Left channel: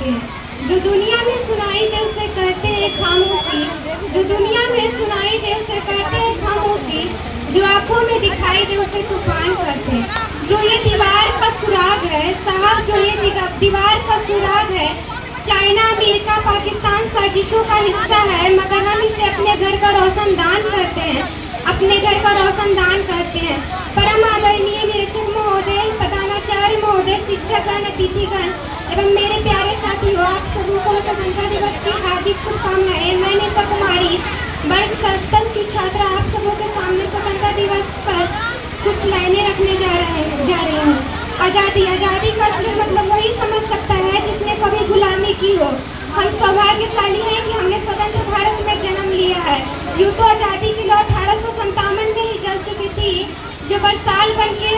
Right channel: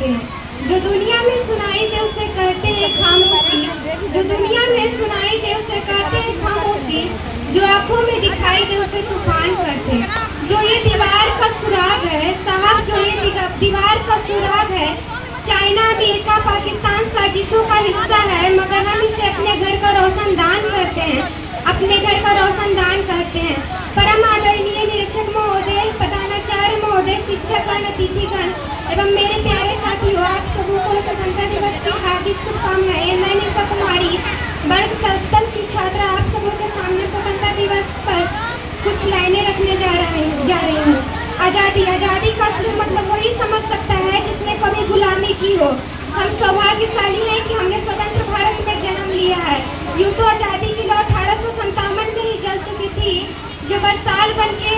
सकते हैं। जो दुनिया में सुनाई दे उसे कहते हैं खामोशी, जो दुनिया में सुनाई दे उसे कहते हैं खामोशी, जो आंखों में दिखाई दे उसे तूफान कहते हैं। जो ये दीवार का सुराग है साहब, जो ये दीवार का सुराग है, चाइना अमेरिका पाकिस्तान साजिशों का हिस्सा है, मगर हम इसे अपने घर का रोशनदान करते हैं, अपने घर का रोशनदान करते हैं। परम आदरणीय निरीक्षक महोदय, प्रधानाचार्य महोदय, शिक्षकगण, अतिथिगण एवं मेरे प्यारे साथियों, आप सभी को स्वतंत्रता दिवस की हार्दिक शुभकामनाएं। मैं निशा कुमारी, वर्ग 7 की छात्रा, आप सबों के सामने स्वतंत्रता दिवस पर कुछ लाइनें रखने जा रही हूँ। आज़ादी, आज़ादी का असली मतलब वही समझ सकता है जिसने कभी गुलामी की हो। हम सौभाग्यशाली हैं कि हमने स्वतंत्र भारत में जन्म लिया है। यूँ तो आज़ादी की लौ 1857 में ही जल चुकी थी, जो बरसाल बन के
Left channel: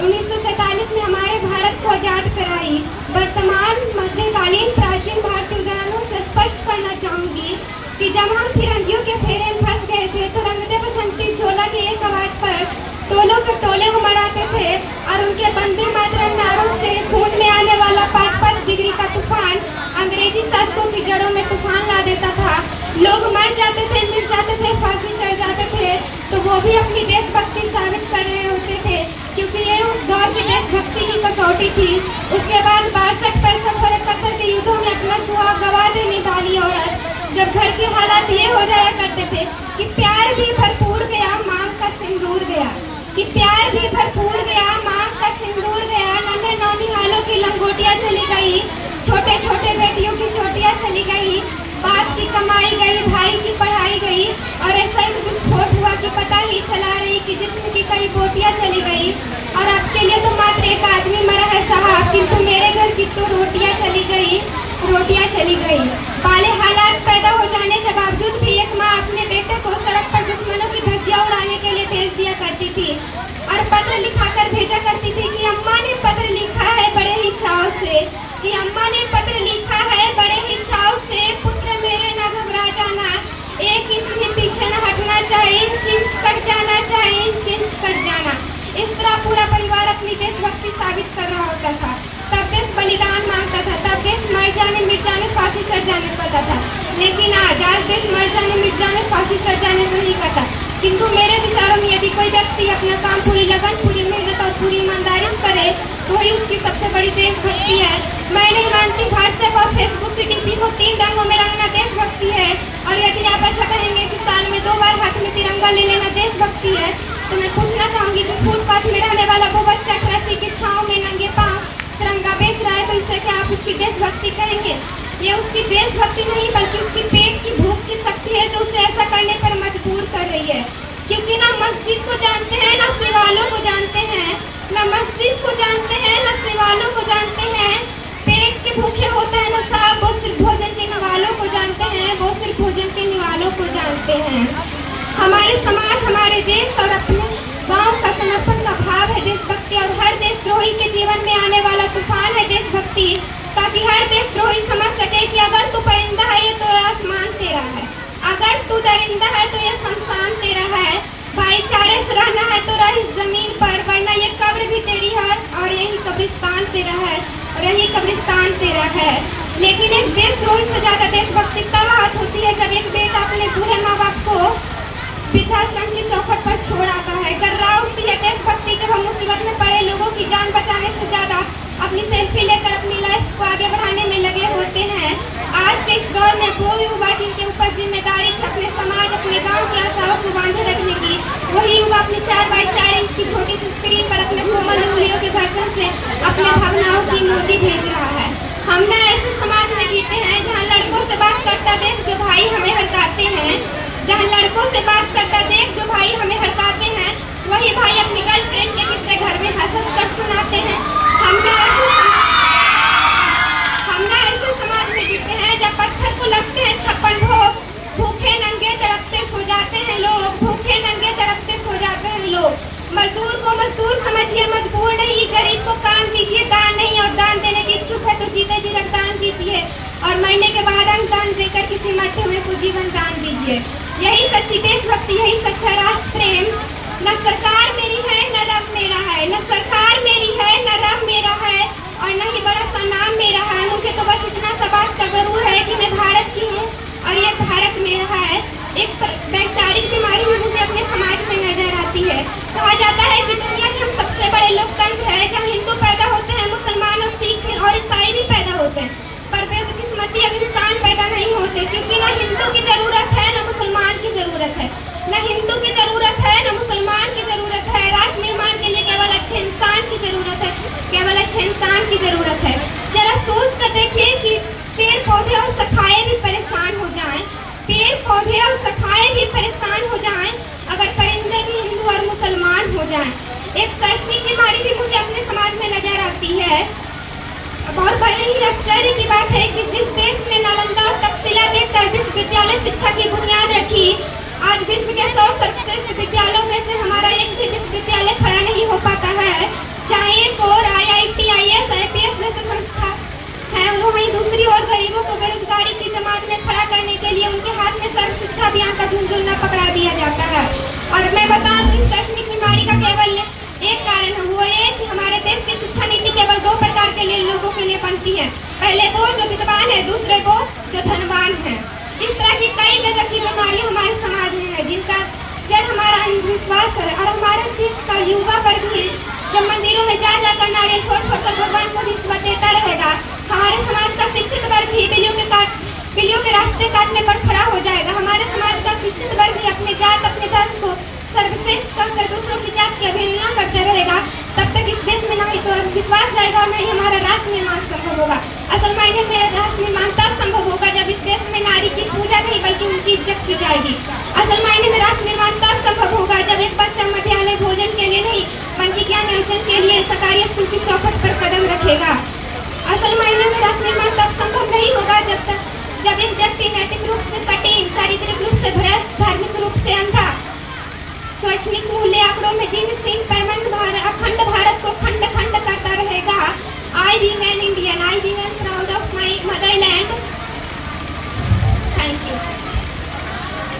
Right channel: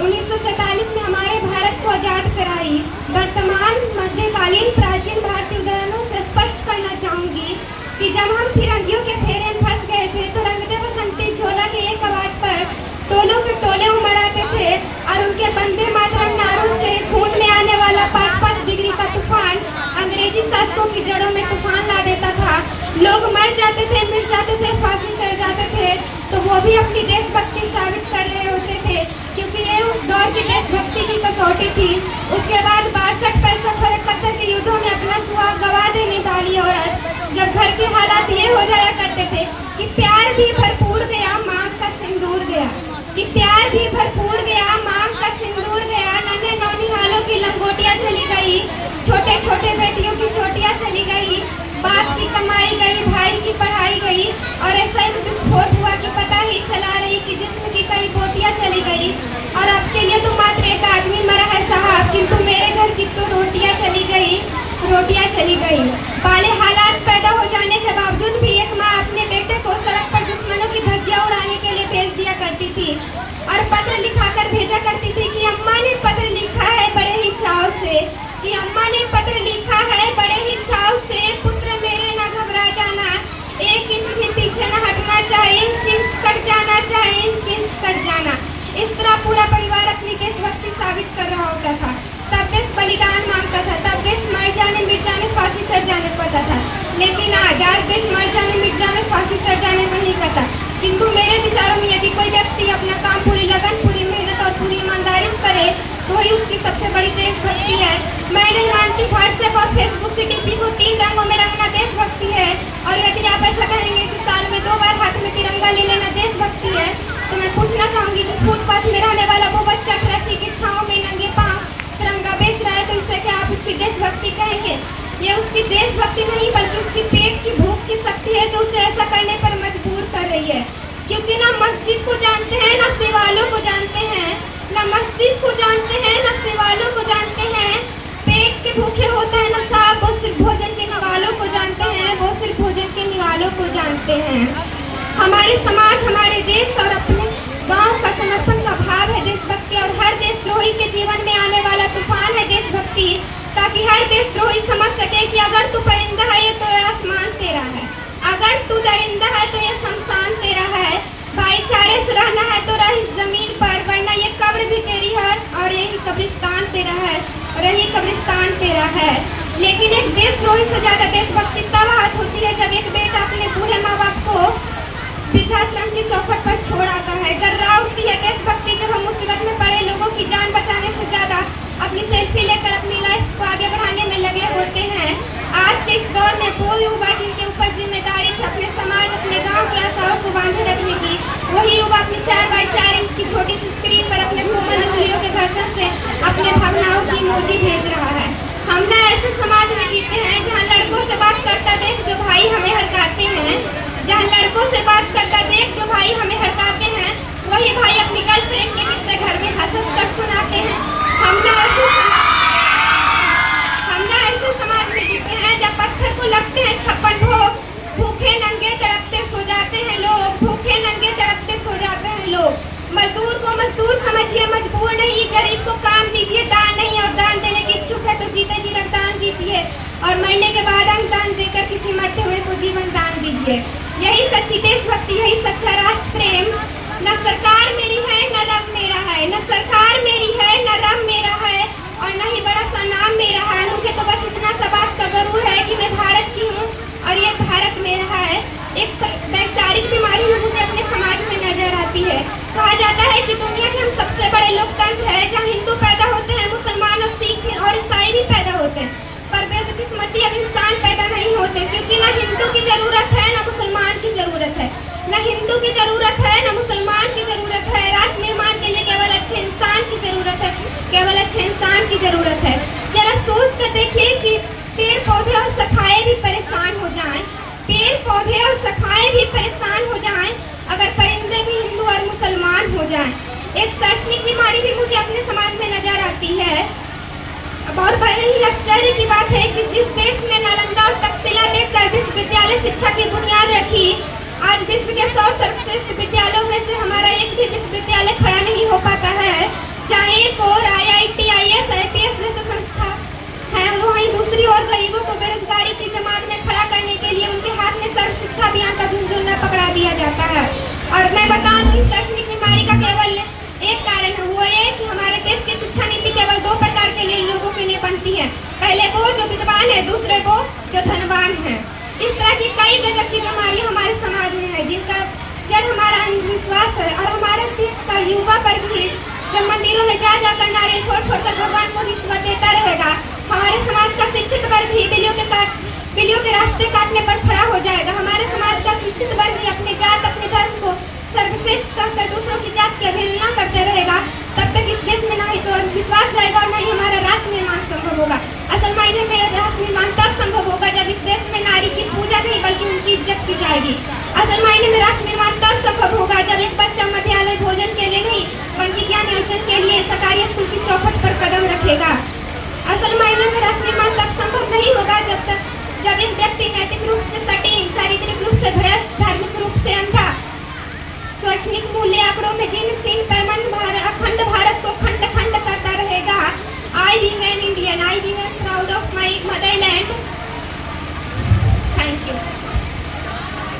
1947 में हमारे भारत को आज़ाद कराई। वर्तमान मध्यकालीन प्राचीन भारतीय उदाहरणों से स्पष्ट करना चाहूँगी कि जब हम फिरंगियों के फेरे में फंस गए थे तो रंग दे बसंती झोला के एक आवाज पर टोलों के टोले उमड़ आते थे और उनके वंदे मातरम नारों से खून में आने वाला 5-5 डिग्री का तूफान अंग्रेजी शासकों की जड़ों में तूफान ला देता था। लोग मर जाते थे, मिट जाते थे, फांसी चढ़ जाते थे, तो वो भी अपनी देशभक्ति साबित कर रहे होते थे, क्योंकि ये उस दौर की देशभक्ति की कसौटी थी। उसके बाद 62, 65 और 71 के युद्धों में अपना सुहाग गवा देने वाली औरत, जब घर के हालात ये हो जाया करते थे कि प्यार भी भरपूर गया, मांग का सिंदूर गया, कि प्यार भी भरपूर गया, मांग का सिंदूर गया, नन्हे नौनिहालों की लंगोटियां चली गई, छोटे छोटे बेटियों की चोटियां चली गई, बाप की कमाई गई, भाई की पढ़ाई गई, और ऐसा ही विस्फोट हुआ कि पता ही चला रही कि जिस्म की कई बोटियां चली गई। और आपके लिए तो मात्र एक आदमी मरा है साहब, किंतु मेरे घर की तो रोटियां चली गई, रोटियां चली गई। बाले हालात पैदा हो जाने के बावजूद भी एक माँ अपने बेटे को सड़क पर दुश्मनों की धज्जियां उड़ाने के लिए भेज दिया करती थी और पत्र लिखाकर भेजा करती थी कि अम्मा ने पत्र लिखा है बड़े ही चाव से, कि अम्मा ने पत्र लिखा है बड़े ही चाव से, पुत्र मेरे न घबरा जाना, 1 इंच भी पीछे न हटना चाहिए, इंच कट जाना चाहिए, इंच कट जाना। इस तरह पूरा परिवार अपनी देशभक्ति साबित कर रहा होता था। तब देश बलिदान मांगता था, तब देश मर जाने मिट जाने फांसी चढ़ जाने पड़ता था। लेकिन आज देश मर जाने मिट जाने फांसी चढ़ जाने को नहीं करता। किंतु मेरे विचारों में यदि कोई व्यक्ति अपना काम पूरी लगन, पूरी मेहनत और पूरी ईमानदारी से करे तो ही उसकी सबसे बड़ी देशभक्ति है। मैं नहीं मानती व्हाट्सएप और फेसबुक की डीपी को 3 रंगों में रंगना देशभक्ति है। और यदि आप ऐसा कहेंगे कि साल में 2 बार हाथ में तिरंगा ले लेना देशभक्ति है, तो मैं पूछना चाहूँगी कि फुटपाथ में रहने वाला वो बच्चा ट्रैफिक की छाँव में नंगे पाँव तिरंगा बेच रहा है, तो इससे क्या आप उसकी देशभक्ति कहेंगे? ये उसकी देशभक्ति नहीं बल्कि उसकी पेट की भूख की शक्ति है जो उसे ऐसा करने पर मजबूर कर रही है। क्योंकि ना मस्जिद को जानते हैं, ना शिवालों को जानते हैं, ना मस्जिद को जानते हैं, ना शिवालों को जानते हैं। पेट के भूखे होता है ना साहब, वो सिर्फ भोजन के निवालों को जानते हैं, वो सिर्फ भोजन के निवालों को जानते हैं। हमारे समाज, हमारे देश और अपने गांव का समर्पण का भाव है देशभक्ति, और हर देशद्रोही के जीवन में आने वाला तूफान है देशभक्ति, ताकि हर देशद्रोही समझ सके कि अगर तू परिंदा है ये तो आसमान तेरा है, अगर तू दरिंदा है तो ये शमशान तेरा है, भाईचारे से रहना है तो रह इस जमीन पर, वरना ये कब्र भी तेरी है और यही कब्रिस्तान तेरा है, और यही कब्रिस्तान तेरा है। लेकिन एक देशद्रोही से ज्यादा देशभक्ति तब हाथ होती है जब एक बेटा अपने बूढ़े माँ बाप को वृद्धाश्रम की चौखट पर छोड़ आता है। गर्रा उठती है देशभक्ति जब हम मुसीबत में पड़े लोगों की जान बचाने से ज्यादा अपनी सेल्फी लेकर अपनी लाइफ को आगे बढ़ाने में लगे होते हैं। आज के इस दौर में वो युवा जिनके ऊपर जिम्मेदारी थी अपने समाज, अपने गांव की आशाओं को बांधे रखने की, वही युवा अपनी 4x4 इंच की छोटी सी स्क्रीन पर अपने कोमल उंगलियों के घर्षण से अपने भावनाओं की इमोजी भेज रहा है। हम ना ऐसे समाज में जीते हैं जहाँ लड़कों से बात करता देख जो भाई हमें हड़काते हैं, जहाँ लड़कों से बात करता देख जो भाई हमें हड़काते हैं, वही भाई अपनी गर्लफ्रेंड के किस्से घर में हंस कर सुनाते हैं। हम ना ऐसे समाज में जीते हैं जब पत्थर को लगते हैं 56 भोग, भूखे नंगे तड़पते सो जाते हैं लोग, भूखे नंगे तड़पते सो जाते हैं लोग। मजदूर को मजदूर समझिए, मजबूर नहीं, गरीब को काम दीजिए, दान नहीं, और दान देने की इच्छुक है तो जीते जी रक्तदान कीजिए, और मरने के बाद अनुदान देकर किसी मरते हुए को जीवन दान दीजिए। यही सच्ची देशभक्ति, यही सच्चा राष्ट्र प्रेम। न सरकार मेरी है न रब मेरा है, न सरकार मेरी है न रब मेरा है, और न ही बड़ा सा नाम मेरा है। मुझे तो बस इतना सा जरूर है कि मैं भारत की हूँ और ये भारत मेरा है। एक वैचारिक बीमारी भी मुझे अपने समाज में नजर आती है। कहा जाता है कि दुनिया के हम सबसे बड़े लोकतंत्र है, जहाँ हिंदू पैदा होते हैं, मुसलमान और सिख और ईसाई भी पैदा होते हैं, पर बदकिस्मती अब इंसान पैदा नहीं होते, क्योंकि ना हिंदू की जरूरत है ना मुसलमान की जरूरत है। न हिंदू की जरूरत है न मुसलमान की जरूरत है। राष्ट्र निर्माण के लिए केवल अच्छे इंसान की जरूरत है, केवल अच्छे इंसान की जरूरत है। जरा सोच कर देखिए कि पेड़ पौधे और सखाए भी परेशान हो जाएं, पेड़ पौधे और सखाए भी परेशान हो जाएं अगर परिंदे भी हिंदू और मुसलमान हो जाएं। एक शैक्षणिक बीमारी भी मुझे अपने समाज में नजर आती है। और बड़ी ही आश्चर्य की बात है कि जिस देश ने नालंदा और तक्षशिला देकर विश्वविद्यालय शिक्षा की बुनियाद रखी, आज विश्व के 100 सर्वश्रेष्ठ विद्यालयों में से हमारा एक भी विश्वविद्यालय खड़ा नहीं हो पाता है। जहाँ एक और IIT, IAS, IPS जैसे संस्था है, वहीं दूसरी ओर गरीबों को बेरोजगारी की जमात में खड़ा करने के लिए उनके हाथ में सर्व शिक्षा अभियान का झुंझुना पकड़ा दिया जाता है। और मैं बता दूं, इस शैक्षणिक बीमारी का केवल एक कारण है, वो ये कि हमारे देश की शिक्षा नीति केवल 2 प्रकार के लिए लोगों के लिए बनती है। पहले वो जो विद्वान है, दूसरे वो जो धनवान है। इस तरह की कई गजब की बीमारियां हमारे समाज में है, जिनका जड़ हमारा अंधविश्वास है। और हमारे देश का युवा वर्ग भी जब मंदिरों में जा जाकर नारियल फोड़ फोड़ कर भगवान को रिश्वत देता रहेगा, हमारे समाज का शिक्षित वर्ग भी बिल्लियों के रास्ते काटने पर खड़ा हो जाएगा। हमारे समाज का शिक्षित वर्ग भी अपने जात, अपने धर्म को सर्वश्रेष्ठ कहकर दूसरों की जात की अवहेलना करते रहेगा। तब तक इस देश में ना ही तो विश्वास जाएगा, ना ही हमारा राष्ट्र निर्माण संभव होगा। असल मायने में राष्ट्र निर्माण तब संभव होगा जब इस देश में नारी की पूजा नहीं बल्कि उनकी इज्जत की जाएगी। असल मायने में राष्ट्र निर्माण तब संभव होगा जब एक बच्चा मध्याह्न भोजन के लिए नहीं बल्कि ज्ञान अर्जन के लिए सरकारी स्कूल की चौखट पर कदम रखेगा। असल मायने में राष्ट्र निर्माण तब संभव नहीं होगा जब एक व्यक्ति नैतिक रूप से सटीक, चारित्रिक रूप से भ्रष्ट, धार्मिक रूप से अंधा, शैक्षणिक मूल्य